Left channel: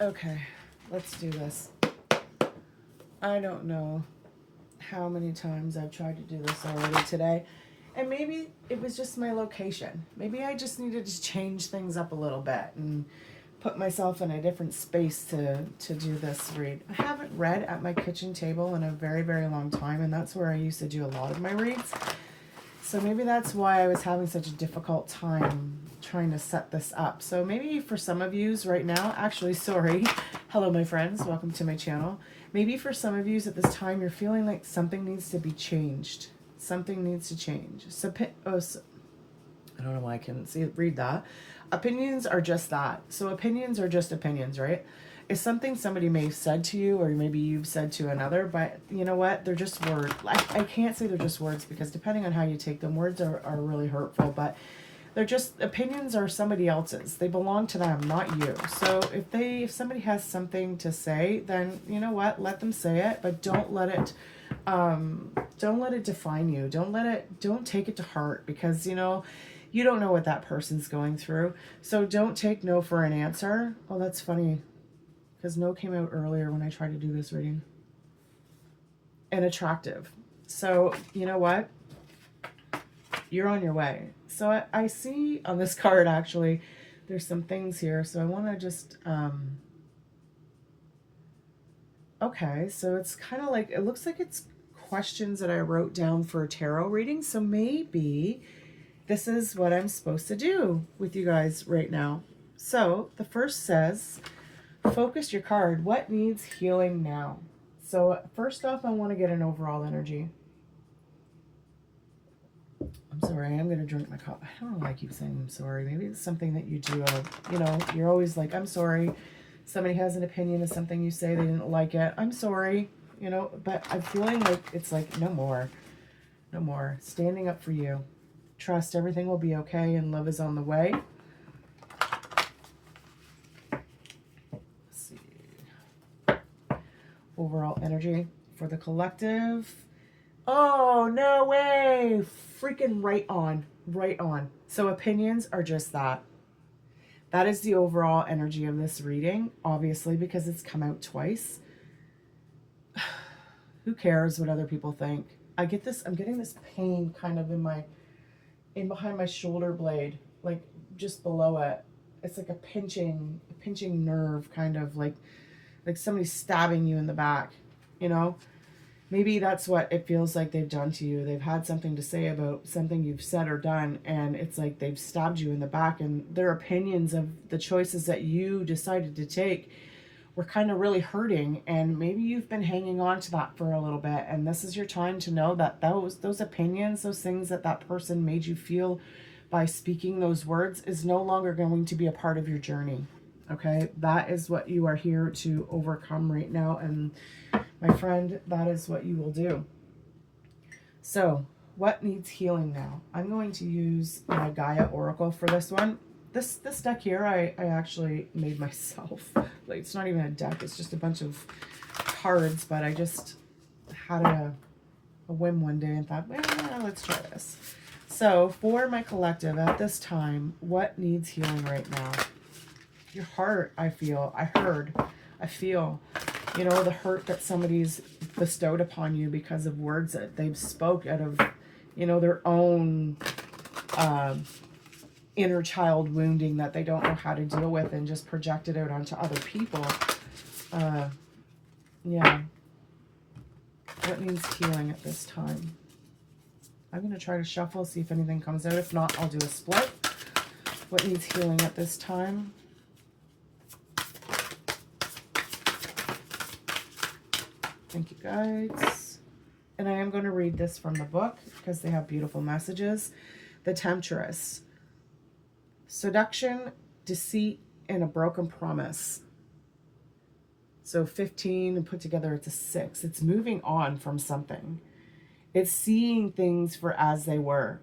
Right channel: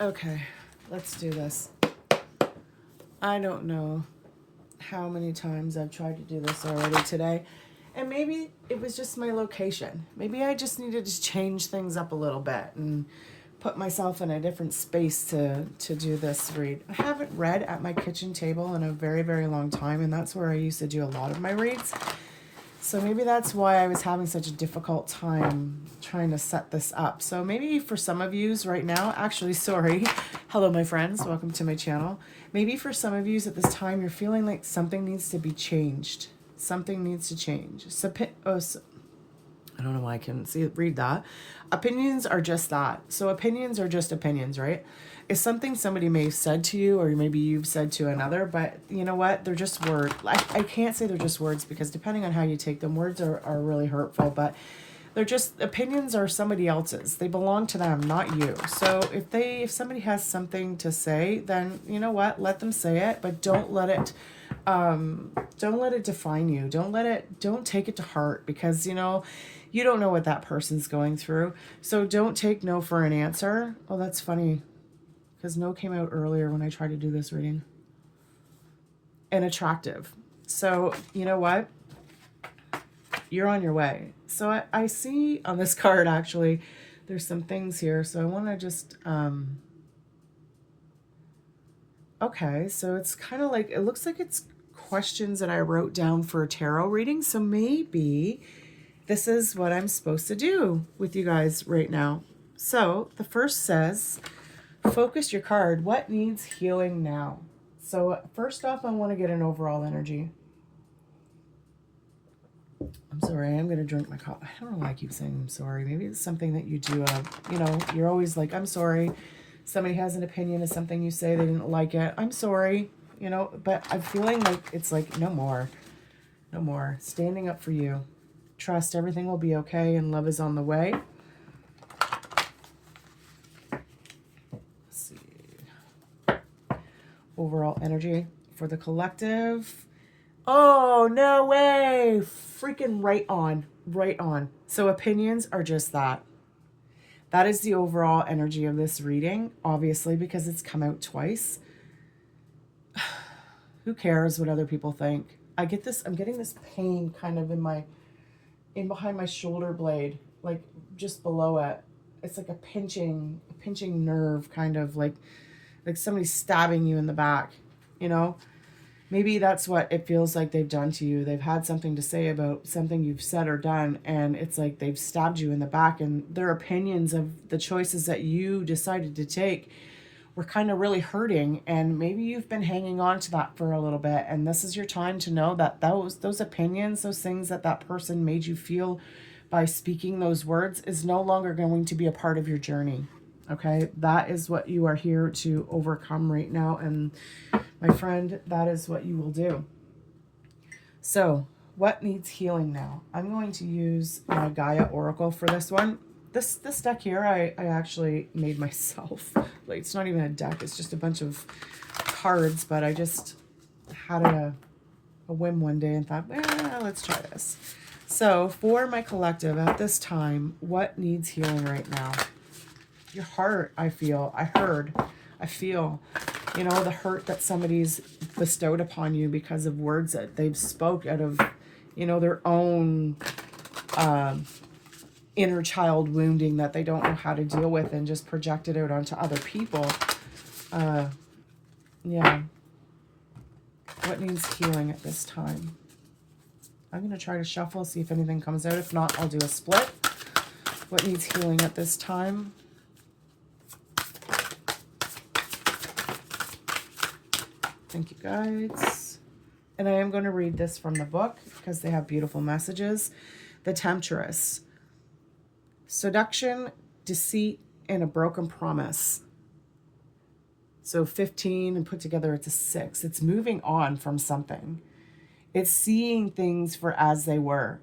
Okay, let's do this. I don't know how many times I've tried to do this already today. And maybe it was just my location. Maybe I just needed to change things up a little bit and put myself in a different space to do this read. I haven't read at my kitchen table in a very, very long time, and that's where I used to do a lot of my reads. So maybe that's why I was having such a difficult time trying to set this up. So maybe for some of yous right now, actually, sorry. Hello, my friends. Welcome to my channel. Maybe for some of yous at this time, you're feeling like something needs to be changed. Something needs to change. So, I don't know why I couldn't read that. Opinions are just that. So opinions are just opinions, right? It's something somebody may have said to you, or maybe you've said to another, but you know what? They're just words. I can't say they're just words because depending on how you take them, words are really hurtful, but they're just opinions are somebody else's. They belong to them, not you. So if somebody has something to say, then you know what? Let them say it, but don't let it define you. Don't take it to heart because you don't know what that person's going through. So don't take no for an answer. Oh, that's funny because no came out earlier when I tried to do this reading. And attractive. So you know what? You're on your way. So I see on this card actually, there's some things here. So I want to just, okay. So it's kind of like, it looks like it's questions that I wrote down for a tarot reading. So maybe this is what I'm supposed to do with you guys right now. So the first says, focus your card. What needs healing now? So first off, I want to get an overall energy. I'm sorry, I'm going to drink my coffee. I don't know why I keep saying I'm sorry. Maybe it's something that you do. You're always like, I'm sorry. Somebody has an opinion of something you say, they didn't like it. I'm sorry, but I'm feeling like it's like, no more. No more. Standing up for you. Trust everything will be okay and love is on the way. Let's see. Overall energy for the collective. Oh, no way. Freaking right on. Right on. So opinions are just that. That is the overall energy of this reading, obviously, because it's come out twice. Who cares what other people think? I'm getting this pain kind of in behind my shoulder blade, like just below it. It's like a pinching nerve, kind of like somebody stabbing you in the back, you know? Maybe that's what it feels like they've done to you. They've had something to say about something you've said or done, and it's like they've stabbed you in the back, and their opinions of the choices that you decided to take were kind of really hurting, and maybe you've been hanging on to that for a little bit, and this is your time to know that those opinions, those things that person made you feel by speaking those words is no longer going to be a part of your journey. Okay, that is what you are here to overcome right now, and my friend, that is what you will do. So, what needs healing now? I'm going to use my Gaia Oracle for this one. This deck here, I actually made myself. Like, it's not even a deck, it's just a bunch of cards, but I just had a whim one day and thought, well, let's try this. So, for my collective at this time, what needs healing right now? Your heart, I feel. I feel, the hurt that somebody's bestowed upon you because of words that they've spoke out of, their own inner child wounding that they don't know how to deal with and just project it out onto other people. Yeah. What needs healing at this time? I'm going to try to shuffle, see if anything comes out. If not, I'll do a split. What needs healing at this time? Thank you, guys. And I am going to read this from the book because they have beautiful messages. The Temptress. Seduction, deceit, and a broken promise. So 15 and put together it's a 6. It's moving on from something. It's seeing things for as they were.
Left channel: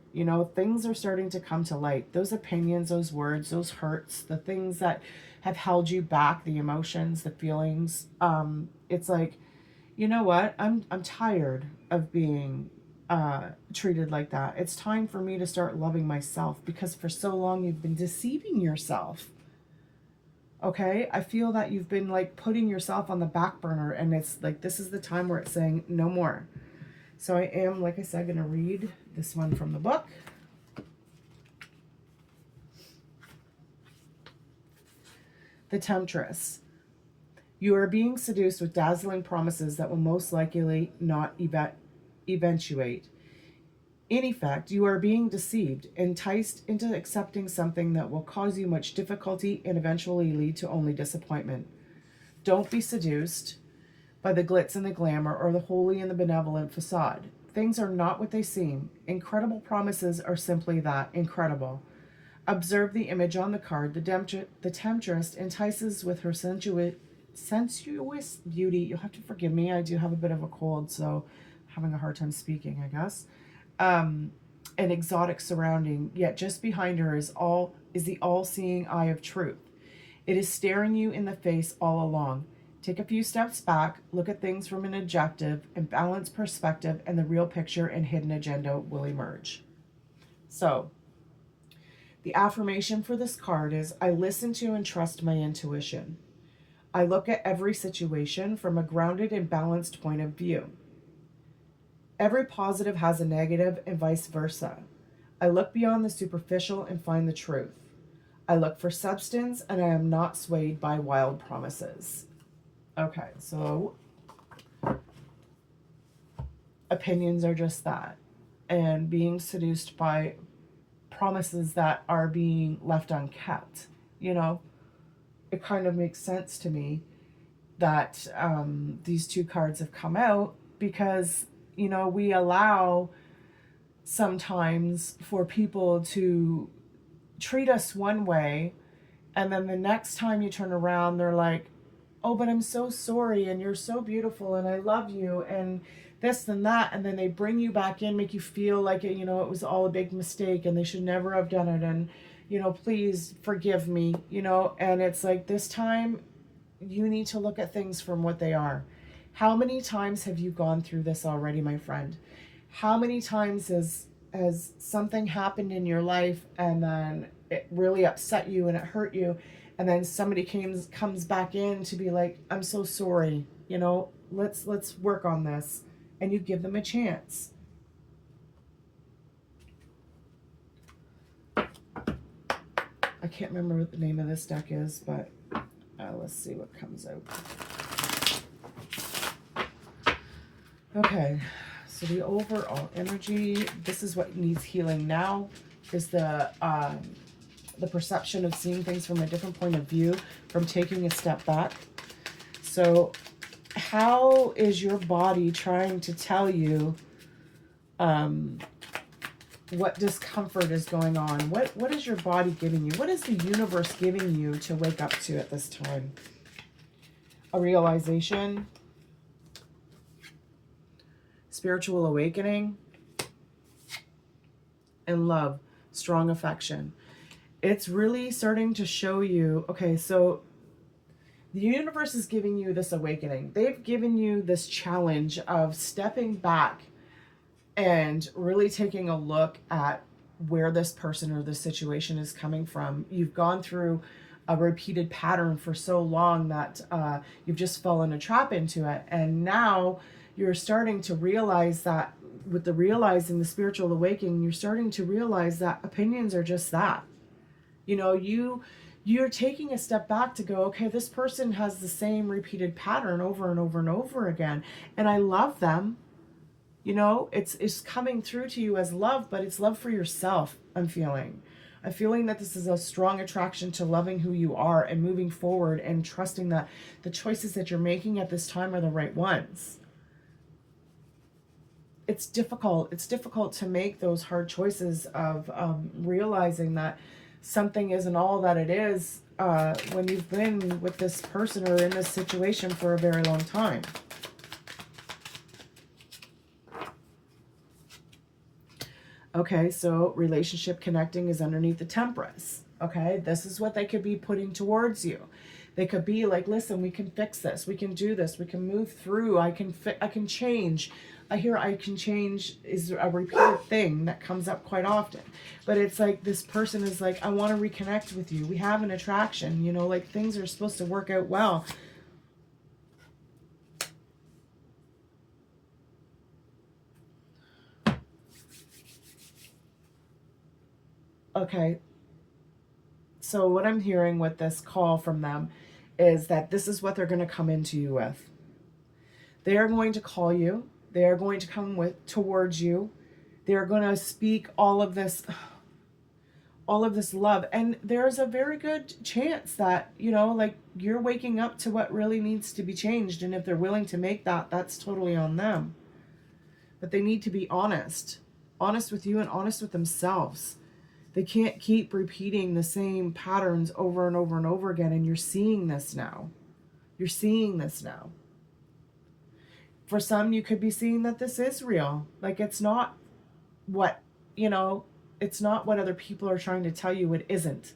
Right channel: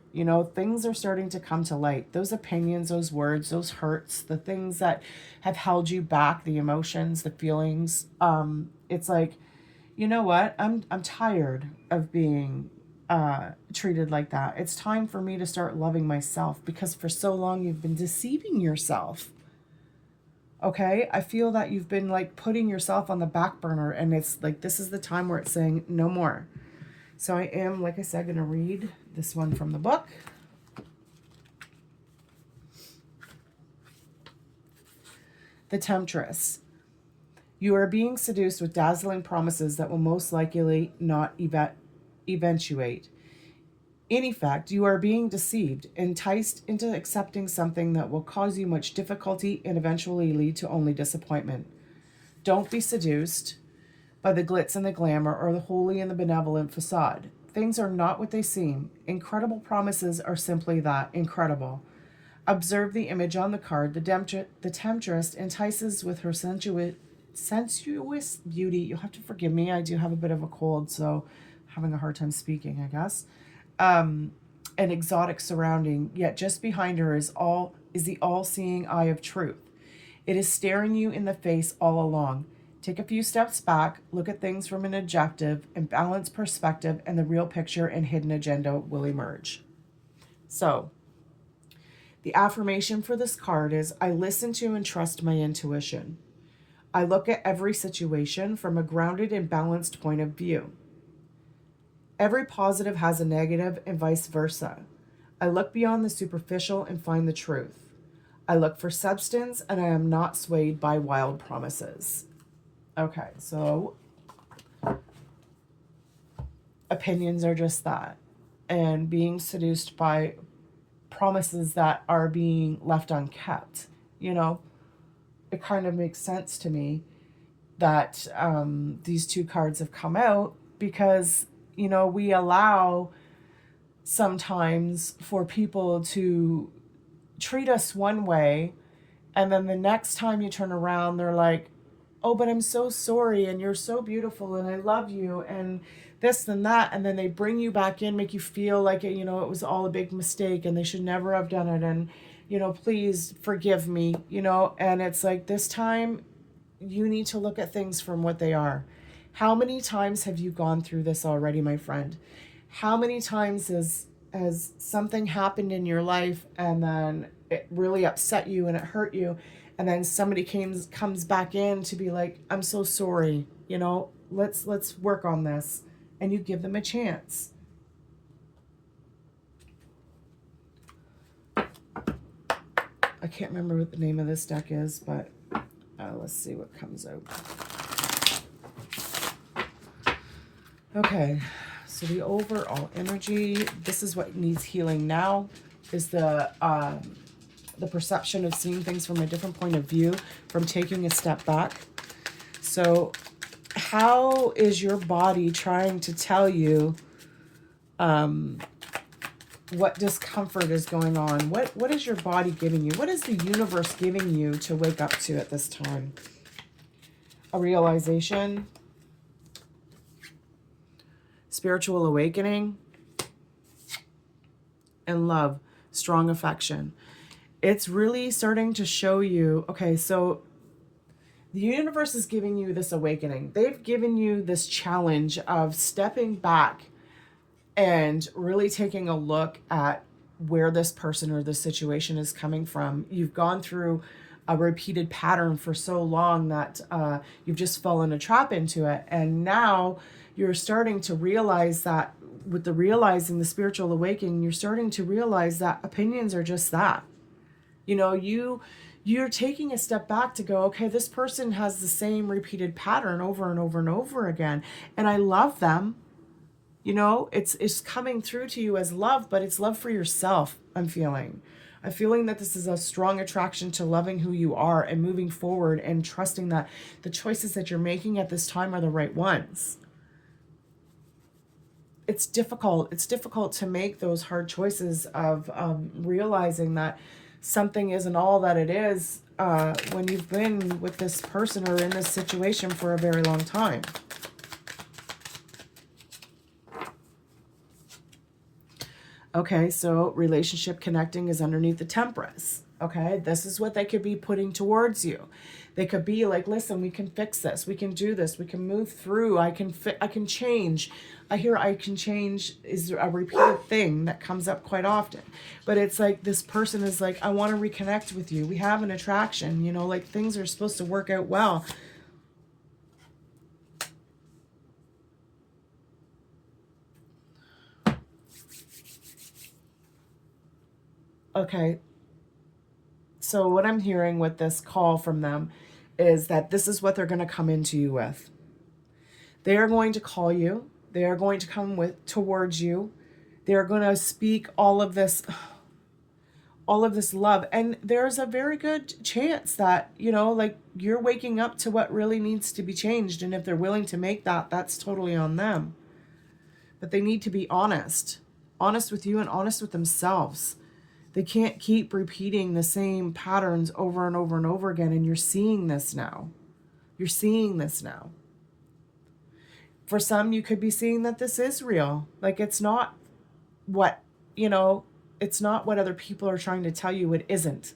Things are starting to come to light. Those opinions, those words, those hurts, the things that have held you back, the emotions, the feelings. It's like, you know what? I'm tired of being treated like that. It's time for me to start loving myself because for so long you've been deceiving yourself. Okay, I feel that you've been like putting yourself on the back burner, and it's like this is the time where it's saying no more. So I am, like I said, going to read this one from the book. The Temptress. You are being seduced with dazzling promises that will most likely not eventuate. In effect, you are being deceived, enticed into accepting something that will cause you much difficulty and eventually lead to only disappointment. Don't be seduced by the glitz and the glamour or the holy and the benevolent facade. Things are not what they seem. Incredible promises are simply that, incredible. Observe the image on the card. The temptress entices with her sensuous beauty. You'll have to forgive me. I do have a bit of a cold, so having a hard time speaking, I guess. An exotic surrounding, yet just behind her is the all-seeing eye of truth. It is staring you in the face all along. Take a few steps back, look at things from an objective and balanced perspective, and the real picture and hidden agenda will emerge. So, the affirmation for this card is, I listen to and trust my intuition. I look at every situation from a grounded and balanced point of view. Every positive has a negative and vice versa. I look beyond the superficial and find the truth. I look for substance and I am not swayed by wild promises. Okay, so opinions are just that. And being seduced by promises that are being left unkept. You know, it kind of makes sense to me that these two cards have come out because, you know, we allow sometimes for people to treat us one way, and then the next time you turn around, they're like, oh, but I'm so sorry, and you're so beautiful, and I love you, and this and that, and then they bring you back in, make you feel like it, you know, it was all a big mistake, and they should never have done it, and, you know, please forgive me, you know, and it's like, this time, you need to look at things from what they are. How many times have you gone through this already, my friend? How many times has something happened in your life and then it really upset you and it hurt you, and then somebody comes back in to be like, I'm so sorry, you know, let's work on this, and you give them a chance. I can't remember what the name of this deck is, but let's see what comes out. Okay, so the overall energy, this is what needs healing now, is the perception of seeing things from a different point of view, from taking a step back. So how is your body trying to tell you what discomfort is going on? What is your body giving you? What is the universe giving you to wake up to at this time? A realization, spiritual awakening, and love, strong affection. It's really starting to show you, okay, so the universe is giving you this awakening. They've given you this challenge of stepping back and really taking a look at where this person or this situation is coming from. You've gone through a repeated pattern for so long that you've just fallen a trap into it. And now you're starting to realize that with the realizing, the spiritual awakening, you're starting to realize that opinions are just that. You know, you're taking a step back to go, okay, this person has the same repeated pattern over and over and over again, and I love them. You know, it's coming through to you as love, but it's love for yourself. I'm feeling that this is a strong attraction to loving who you are and moving forward and trusting that the choices that you're making at this time are the right ones. It's difficult. It's difficult to make those hard choices of realizing that something isn't all that it is when you've been with this person or in this situation for a very long time. Okay, so relationship connecting is underneath the Temperance. Okay, this is what they could be putting towards you. They could be like, listen, we can fix this. We can do this. We can move through. I can change. I hear I can change is a repeated thing that comes up quite often. But it's like this person is like, I want to reconnect with you. We have an attraction, you know, like things are supposed to work out well. Okay. So what I'm hearing with this call from them is that this is what they're going to come into you with. They are going to call you. They are going to come with towards you. They are going to speak all of this love, and there's a very good chance that, you know, like you're waking up to what really needs to be changed, and if they're willing to make that, that's totally on them. But they need to be honest with you and honest with themselves. They can't keep repeating the same patterns over and over and over again, and you're seeing this now. You're seeing this now. For some, you could be seeing that this is real. Like, it's not what, you know, it's not what other people are trying to tell you. It isn't.